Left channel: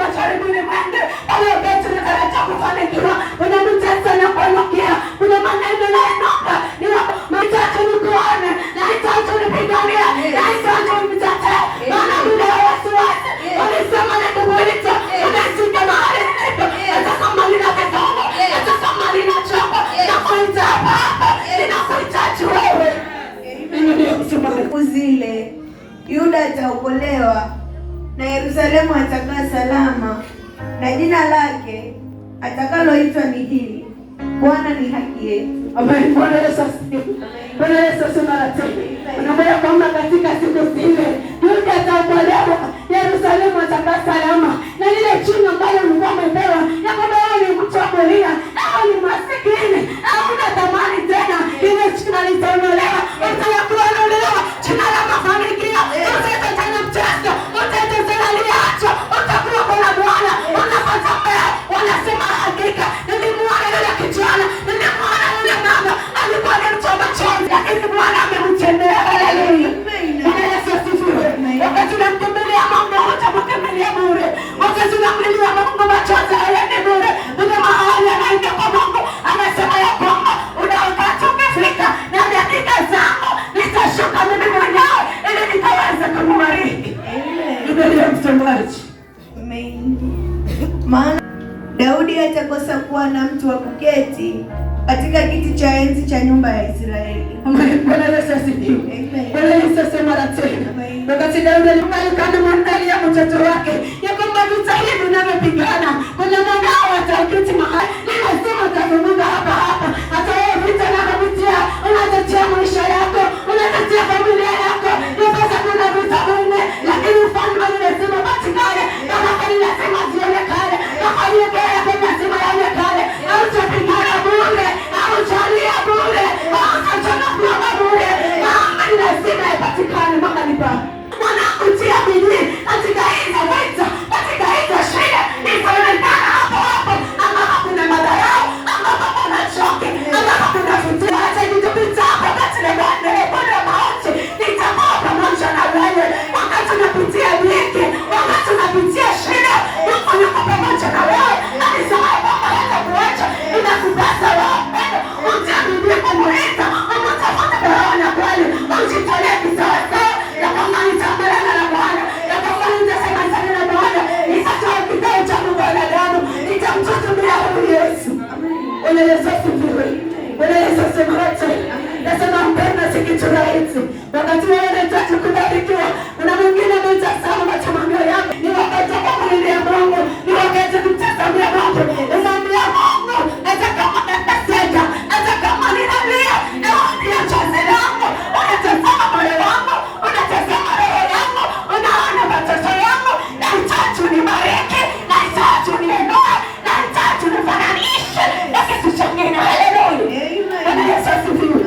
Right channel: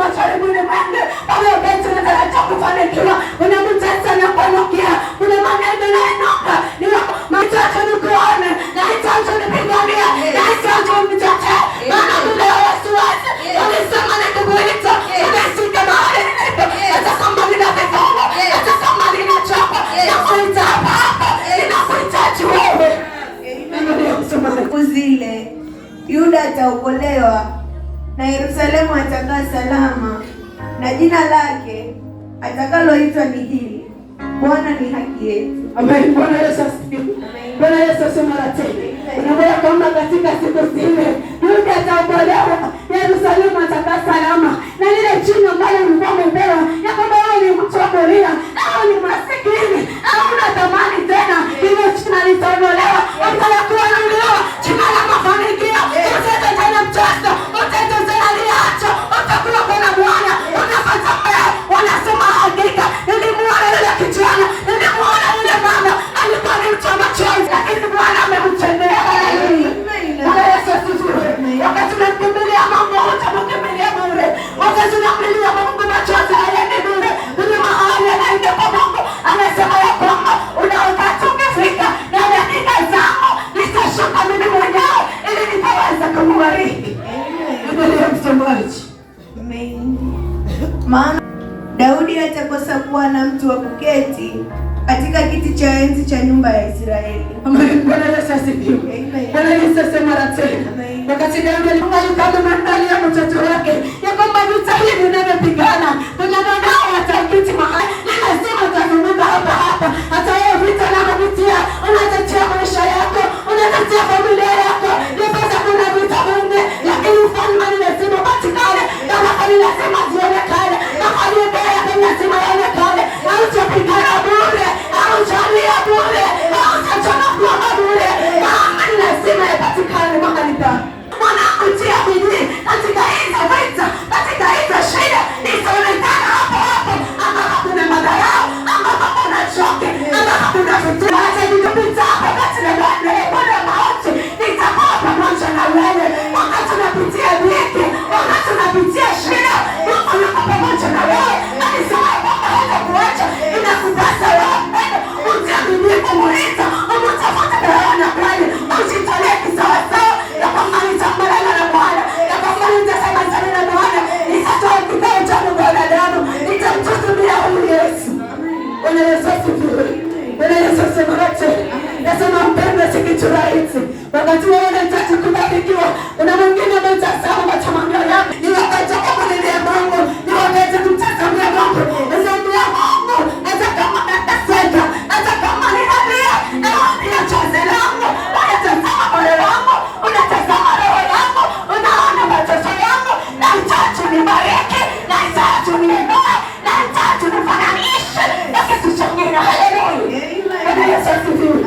masharibuni mwenge, baba yetu tunataraja kufanikiwa. Kuna mtesa na kuanukia, kuna maneno na enoka, ni machache ni kuone, na itacho ni pigania, na itacho ni mtete, maana kuna wasiwasi, walisema na kubuita, unasika mahali nilipo, hata kama nina vifungo, hata kama nina chapa, nakuita hapa, ninakuhitaji wewe. Siku zile Yuda ataokolewa na Yerusalemu atakaa salama, na jina lake atakaloitwa ni hili: Bwana ni haki yetu. Amen. Bwana Yesu asifiwe. Bwana Yesu asema na tena. Unaona kwamba katika siku zile Yuda ataokolewa, Yerusalemu atakaa salama, na lile jina ambalo ulikuwa umepewa ya kwamba wewe ni mtu wa kulia, au ni masikini, hauna thamani tena, ile jina litaondolewa, utakuwa unaondolewa jina la mafanikio, utaita tena mchezo, utaita tena liacho, utakuwa kwa Bwana, unapata mbele, wanasema hakika nilimwona yule kijana, nilimwona yule mama alikuwa ni mtu wa machozi, lakini Bwana amemtendea. Haleluya. Bwana Yesu asifiwe. Wakati unamkimbilia Mungu, utamkimbilia bure. Wakati unamlilia Mungu, machozi hayaendi bure. Ndio mahali anaenda kwa Mungu, anasema ya kwamba una wakati ukifika na dakika zangu nitashuka mimi mwenyewe ili nikaweze kumbariki. Biblia msomaji. Amen. Maana Daudi hatakosa kuwa na mtu wa kuketi katika kiti cha enzi cha nyumba ya Israeli. Amen. Bwana Yesu asifiwe. Amen. Bwana Yesu asema tena. Wakati Daudi alimwangalia mtoto wake ya kwamba vita hivi vinavyopigana, kuna mwanao ataketi mahali, lazima utavumilia hapa hapa. Hata wewe vita unavyopitia, unatetea maisha yako, unatetea familia yako, yapasa kuna vita vingi, lakini ufalme ni lazima upatikane, kama hali lazima zionekane, kama aliyebea ni lazima yaonekane. Hautapigana bure, hautalia bure, hautachana bure, ni lazima yapatikane mahali pa kutia bidii katika hizo vita, katika hizo shida, itaonekana hapo hapo, ama hakuna madharau, ama hakuna choki, ama hakuna vitu. Hata nikipita hapo kati ya Bwana mauti, nitakuwa pamoja na wewe. Wakati unapitia dhiki, wakati unapitia shida, Mungu yuko pamoja na wewe. Alisema kwamba hatakuacha, inakupasa wewe ujitahidi kumuita, umtafute kwa roho na kweli, ujitolee kisawasawa ya kwamba nitakubaliana na Bwana, ya kwamba nitasemezana na Bwana, nitatoa kibao cha mwanadamu, nitamtumikia huyu Yesu. Bwana Yesu asifiwe. Bwana Yesu asema tena. Nasema mpendwa, si kitu rahisi. Wakati wewe unataka kubarikiwa, kuna mwingine anatazama matamanio yako, ni wakati wa kumlilia Mungu, ni wakati wa kumtazamia Mungu. Unaambia Mungu, hata kama nateseka, hata kama ninalia, naambia chozi langu, unatazama moyo wangu, unatazama roho yangu, unaona mateso yangu, nahitaji unibariki, nahitaji uniinue, nahitaji unifananishe na kitu chengine. Haleluya. Bwana Yesu asifiwe.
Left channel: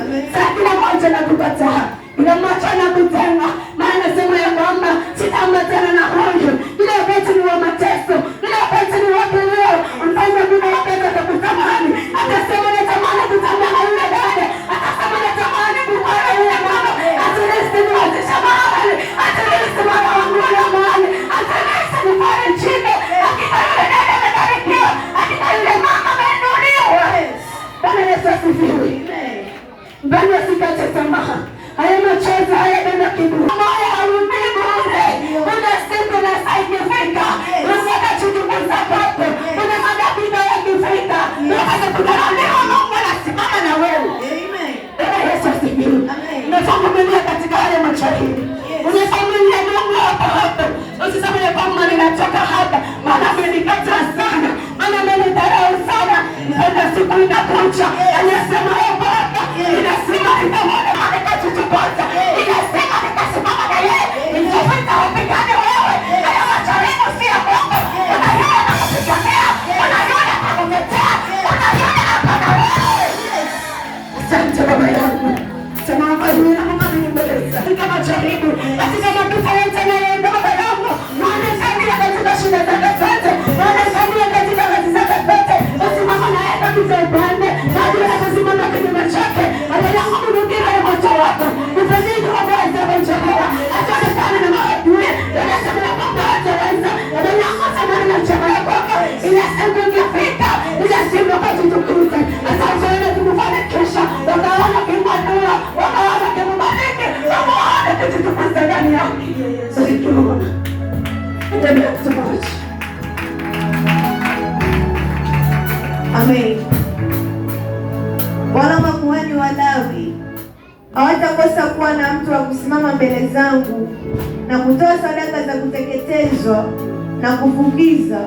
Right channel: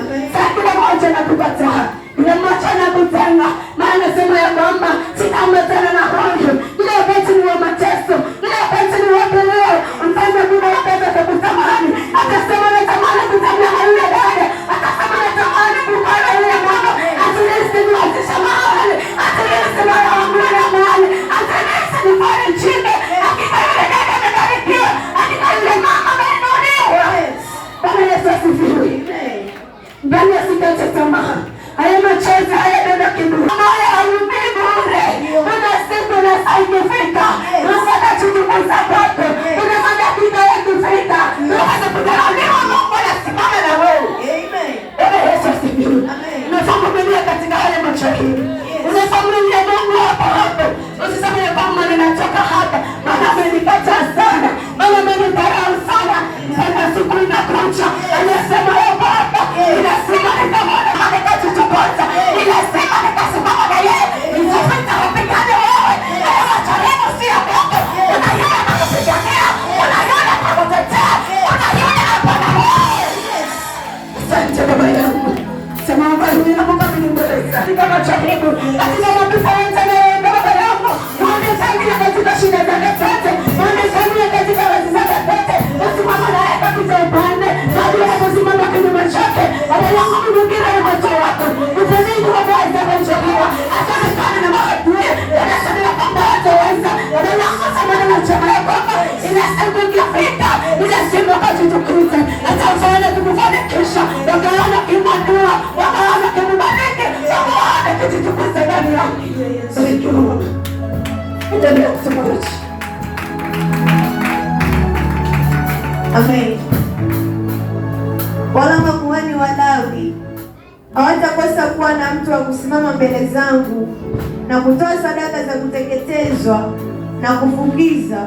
Kila mmoja anakukataa, kila mmoja anakutenga, maana sema ya kwamba sitaambatana na huyu. Kila wakati ni wa mateso, kila wakati ni wa leo. Mfalme Mungu wakati atakutamani, atasema natamani kutembea na yule dada, atasema natamani kumwona yule mama, atilisi niwazisha mahali, atilisi mwana wangu na mahali, atilisi nifanye chini, akina yule dada amebarikiwa, akina yule mama ameinuliwa. Bwana Yesu asifiwe. Bwana usikate tamaa. Haya machozi hayadondoki bure. Moyo haumii bure. Kuna siku na saa ikifika, unapata kuchunguza kwako, unapata kuiba yakifika, unapata kudharauliwa, Mungu anasimama na wewe. Bwana Yesu asifiwe. Unasamulia katika haya machozi. Unasamulia Mungu hapo hapo. Usiseme kwamba ninatoka hapa, maana amenikata sana, maana amenidharau sana. Sasa siku inakuja, anasema wewe Baba, ninasema nitamwona katikati tupoza, ninasema nitasimama na yeye, nitapita wapigane wewe. Haya matareno si ya Mungu, unaiona na kupigania, unaiona na kutetea, unaiona na pana wewe. Asante Baba yangu, sema Baba ninaomba mnimbeleza katika majaribu, katika mapito yote na yeye Baba yangu, unisaidia katika shida zangu zote, unisaidia katika kazi zangu zote, usimama na yeye katika upande, hadi anaposimama kinyume chake, hadi anaporudia yeye moto wako, utazidi wabaya kuchagua. Asante sana na maadui, unasema kwamba hataweza, ndio yangu sana na Endelea kutubariki. Amen. Wala makuhani Walawi hawatakosa kuwa na mtu wa kusimama mbele zangu na kutoa sadaka za kuteketezwa na kufukiza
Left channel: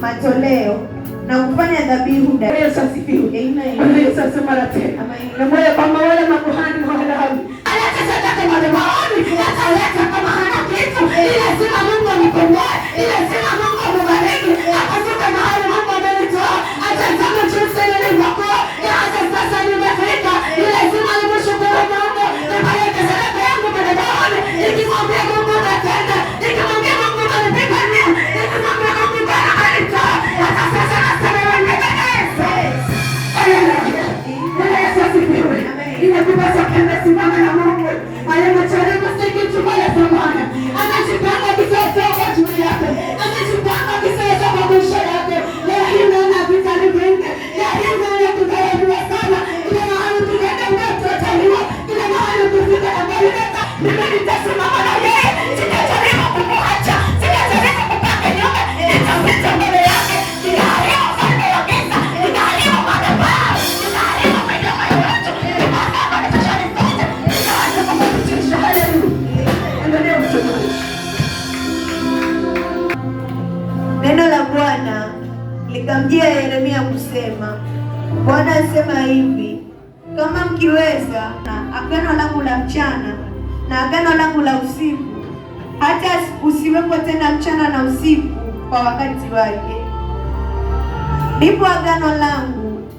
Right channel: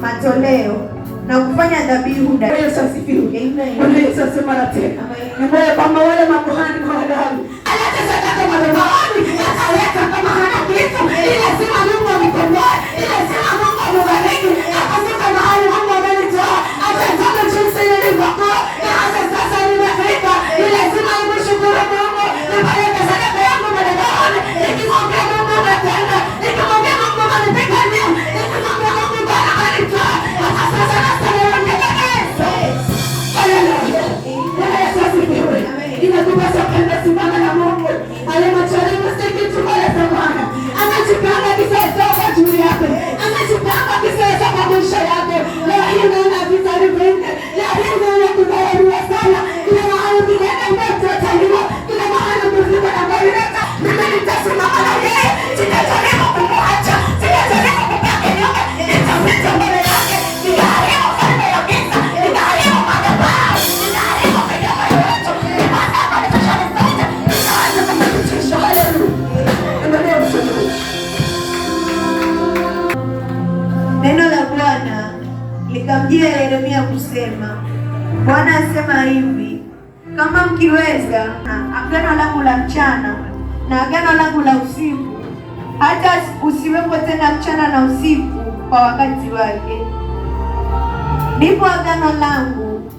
matoleo na kufanya dhabihu. Yesu asifiwe. Amen. Yesu asema tena. Amen. Na kwamba wale makuhani Walawi aleta sadaka madhabahuni, ataleta kama hana kitu, lazima Mungu amkomboe, lazima Mungu ambariki, akafika mahali Mungu amenitoa, atataka jinsi nilivyokuwa, hata sasa nimefika, lazima nimshukuru Mungu, nipeleke sadaka yangu madhabahuni, nikimwambia Mungu natenda, nikimwambia Mungu ananipigania, nikimwambia Mungu ananitoa, hata sasa nasema inakupasa kwenda simama na Mungu. Haya macharema sikitu pale Bwana. Anajipanga kisasa kwa juu yako. Anajipanga kisasa kwa maisha yako. Leo hii naona vita vingi. Leo hii naona kugawana sana. Ile mahali tunaenda mtu ataliwa. Ile mahali tunafika na maileta. Mimi nitasimama na yeye. Sitajaribu kumwacha. Sitajaribu kupaka nyuma. Nitapita mbele yake. Nitaharibu falme ya giza. Nitaharibu madhabahu. Nitaharibu midomo ya watu. Neno la Bwana likamjia Yeremia kusema, Bwana asema hivi, kama mkiweza agano langu la mchana na agano langu la usiku, hata usiwepo tena mchana na usiku kwa wakati wake, ndipo agano langu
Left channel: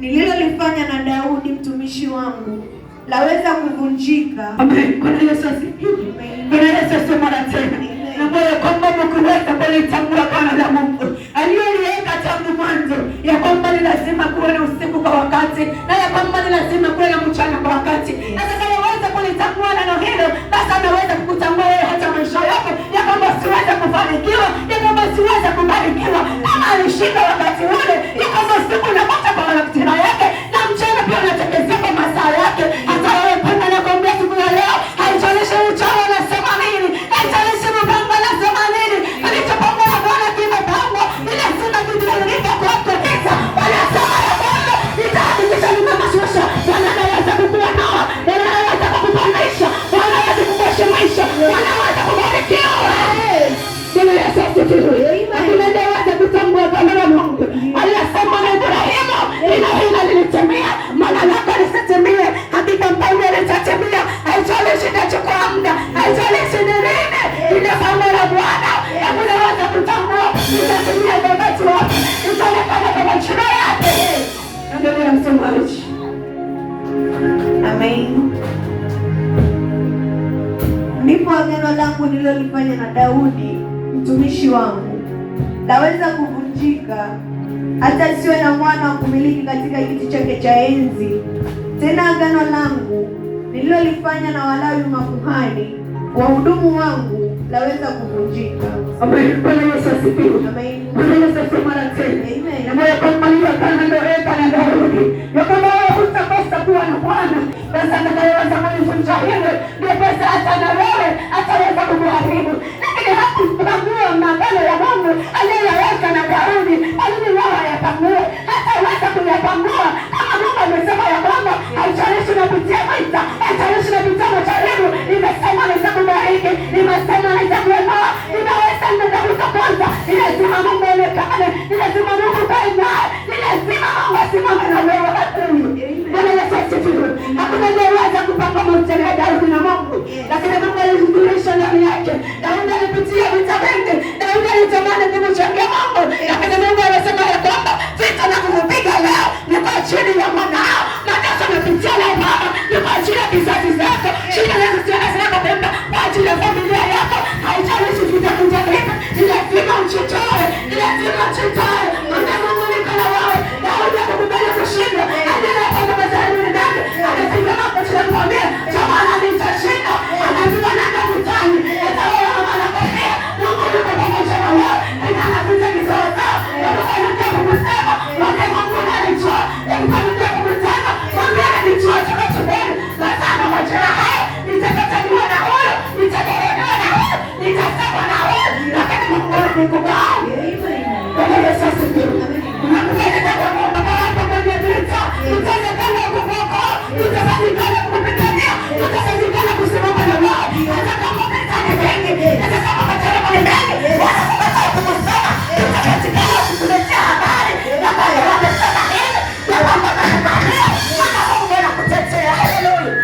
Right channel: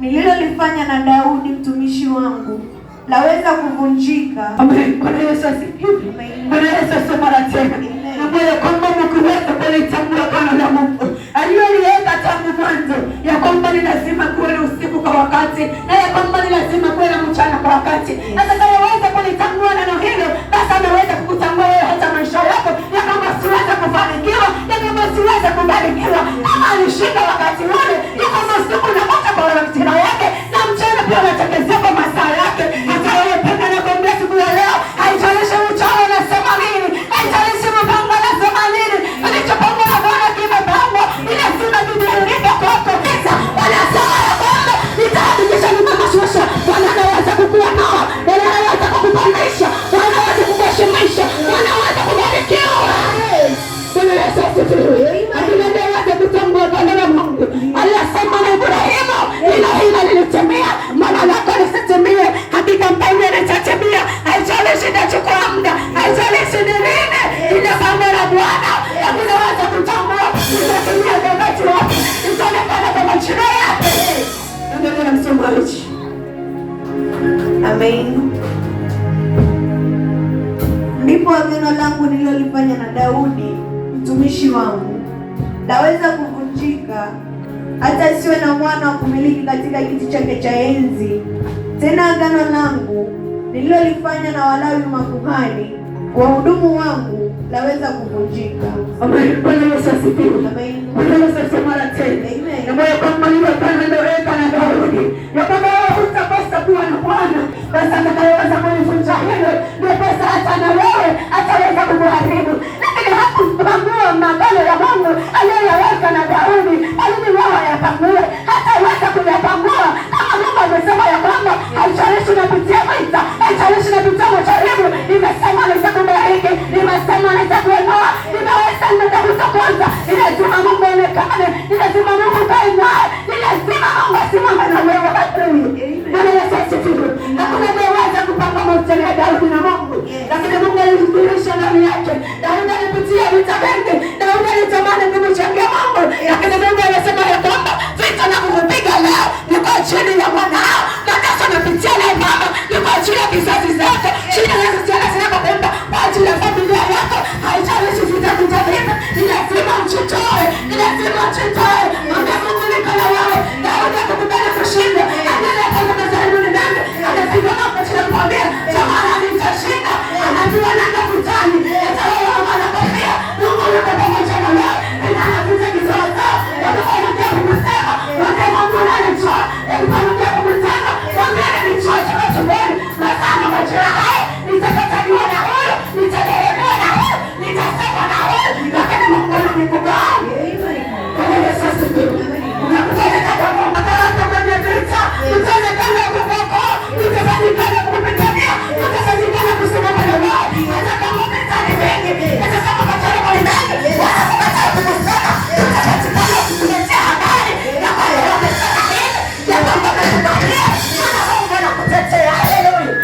nililolifanya na Daudi mtumishi wangu laweza kuvunjika. Amen. Bwana Yesu asifiwe. Bwana Yesu asema tena. Na moyo kwamba mkiweza kulitambua agano la Mungu aliyoliweka tangu mwanzo, ya kwamba ni lazima kuwe na usiku kwa wakati, na ya kwamba ni lazima kuwe na mchana kwa wakati. Atakayeweza kulitambua neno hilo, basi anaweza kukutambua wewe hata maisha yako, ya kwamba siweza kufanikiwa, ya kwamba siweza kubarikiwa. Kama alishinda wakati ule, ya kwamba usiku unapata kwa majira yake, na mchana pia unatekelezea kwa masaa yake. Hata wewe penda na kuambia siku ya leo, haijalishi uchawi unasema nini, haijalishi mpango unasema nini, alichopanga na Bwana kimepangwa, inasema kidhihirika kwako. Wanasema ya kwamba nitahakikisha nimekashusha. Bwana anaweza kukuonoa, Bwana anaweza kukupandisha, Bwana anaweza kukuheshimisha, Bwana anaweza kubarikiwa. Ili Yesu asifiwe. Lakini ndio aweze kutambua agano la Mungu. Alisema na Ibrahimu, hilo lilitimia, maana lako lisitimie, hakika mpango litatimia. Haijalishi itachukua muda, haijalishi ni lini, ile pango la Bwana unaweza kutambua litatimia kwa wakati wake, itaonekana kwa majira yake. Ndio msomaji. Amen. Ndipo agano langu nililolifanya na Daudi mtumishi wangu laweza kuvunjika, hata siwe na mwana wa kumiliki katika kiti chake cha enzi. Tena agano langu nililolifanya na Walawi makuhani wahudumu wangu laweza kuvunjika. Amen. Bwana Yesu asifiwe. Amen. Bwana Yesu asifiwe tena. Amen. Na moyo kama hiyo kana ndio na Daudi. Ya kwamba wewe hutakosa kuwa na Bwana. Basi atakayeweza kunivunja hilo, ndio pesa hata na wewe ataweza kukuharibu. Lakini hakupangua maagano ya Mungu aliyoweka na Daudi, ili wao yapangue, hata waweza kuyapangua. Kama Mungu amesema ya kwamba haijalishi unapitia vita, haijalishi unapitia majaribu, nimesema nitakubariki, nimesema nitakuinua, nimeweza nitakuza kwanza. Ni lazima Mungu aonekane, ni lazima Mungu kae naye, ni lazima Mungu asimame na wewe. Bwana Yesu asifiwe. Hakuna anayeweza kupanga maisha ya Daudi na Mungu, lakini Mungu alidhihirisha ndani yake. Daudi alipitia vita vingi, Daudi alitamani kumchangia Mungu, lakini Mungu anasema ya kwamba vita na kupiga leo niko chini ya mwanao, na sasa napitia leo baba, niko chini ya kizazi zake, chini ya kizazi zako kwamba kwa ajili ya familia yako, haijalishi vita vitakavyo, ni lazima mchitoe, ni lazima mchitoe. Mungu ni kana wewe, Daudi akakubali kushinda, anaenda kazini ndani, anasimama kwa chini kwa mbele, kama ananitashinda, anajua nenda kutani, amekubali. Bwana Yesu asifiwe. Unakupeleka kwa Mungu na kwenye vita. Utalekana kupoko. Utalekana kupitania. Utalekana kusimama na wao. Hata kama umezani wengi. Hata kama umezani wengi. Bwana kukataa kukusana. Utakatikana kukuletea habari. Na wale wamesana nini. Na kwamba nakubalia. Mana Mungu anakutetea. Haleluya.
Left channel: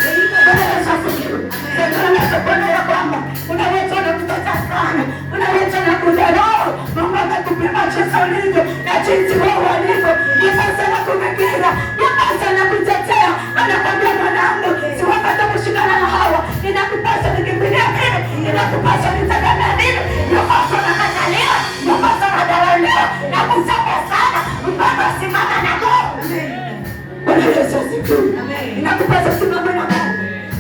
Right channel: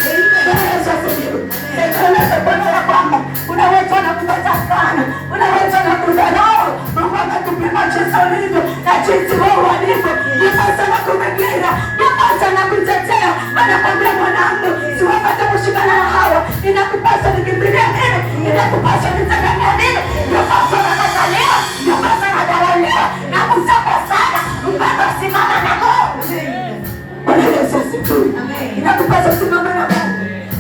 Bwana Yesu asifiwe. Ndio Bwana ya kwamba unaweza na kupata sana. Unaweza na kudharau. Mungu amekupima jinsi ulivyo na jinsi wewe ulivyo. Yepasa na kumegira. Yepasa na kutetea. Anakwambia mwanangu, siwapata kushikana na hawa. Inakupasa nikimbilia nini? Inakupasa nitegemea nini? Yepasa na katalia. Yepasa na dharauliwa. Na kusapa sana. Mpaka simama na Mungu. Bwana Yesu asifiwe. Inakupasa simama na Mungu.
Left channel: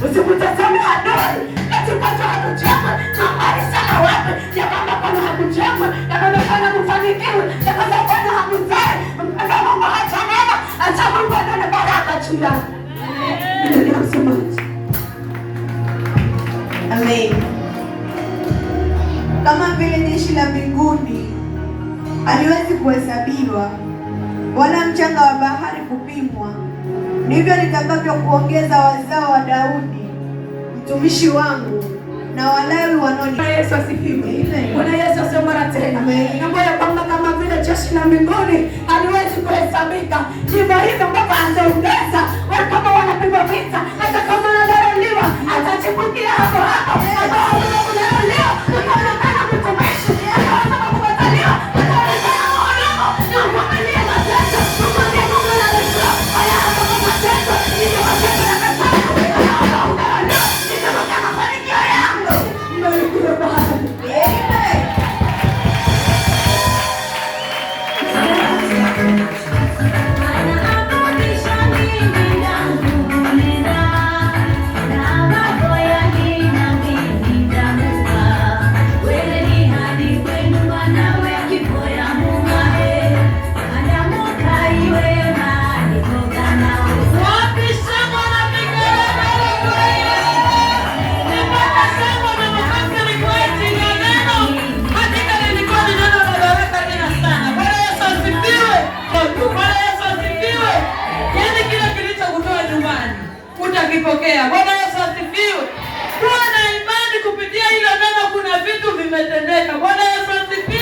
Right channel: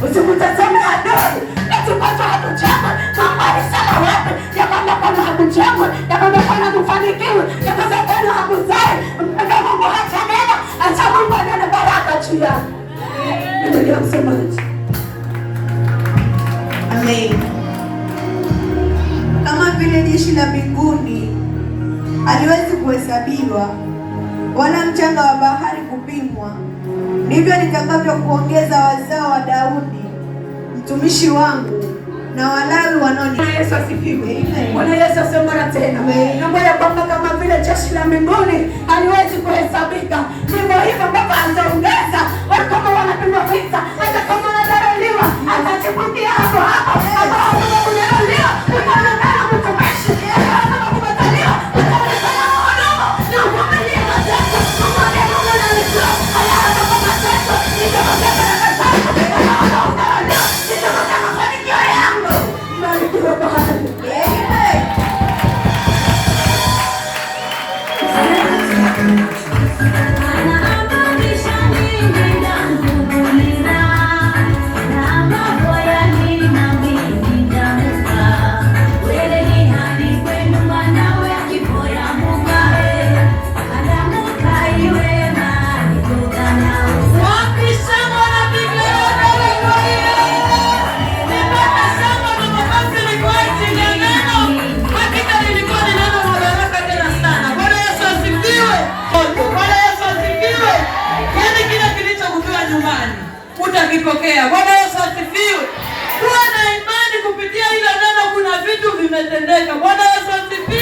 Usikutazame adui. Eti hakuchagwa. Kambali sana wapi. Ya kwamba Bwana hakuchagwa. Ya kwamba Bwana kufanikiwa. Ya kwamba Bwana hakuzai. Mpaka Mungu hata neno. Acha Mungu ana baraka juu yako. Ndio msemaji. Amen. Kama vile jeshi la mbinguni haliwezi kuhesabiwa wala mchanga wa bahari kupimwa, ndivyo nitakavyo kuongeza wazao wa Daudi mtumishi wangu na Walawi wanaoni. Bwana Yesu asifiwe. Bwana Yesu asifiwe tena. Naomba ya kwamba kama vile jeshi la mbinguni haliwezi kuhesabika, ndivyo hivyo Baba ataongeza wale kama wanapigwa vita, hata kama wanadharauliwa, atachipukia hapo hapo. Hapo unadharauliwa, unaonekana mtumishi, unaonekana kubataliwa, unaonekana mhudumu, na uvumilie mateso. Mwambie Mungu analijua. Haya kama mateso, ndio mateso na unadharauliwa, ndio mafanikio yangu. Mbarikiwe Bwana. Utakipokea. Bwana Yesu asifiwe. Kuwa na imani kupitia hilo neno, kuna vitu vimetendeka. Bwana Yesu asifiwe.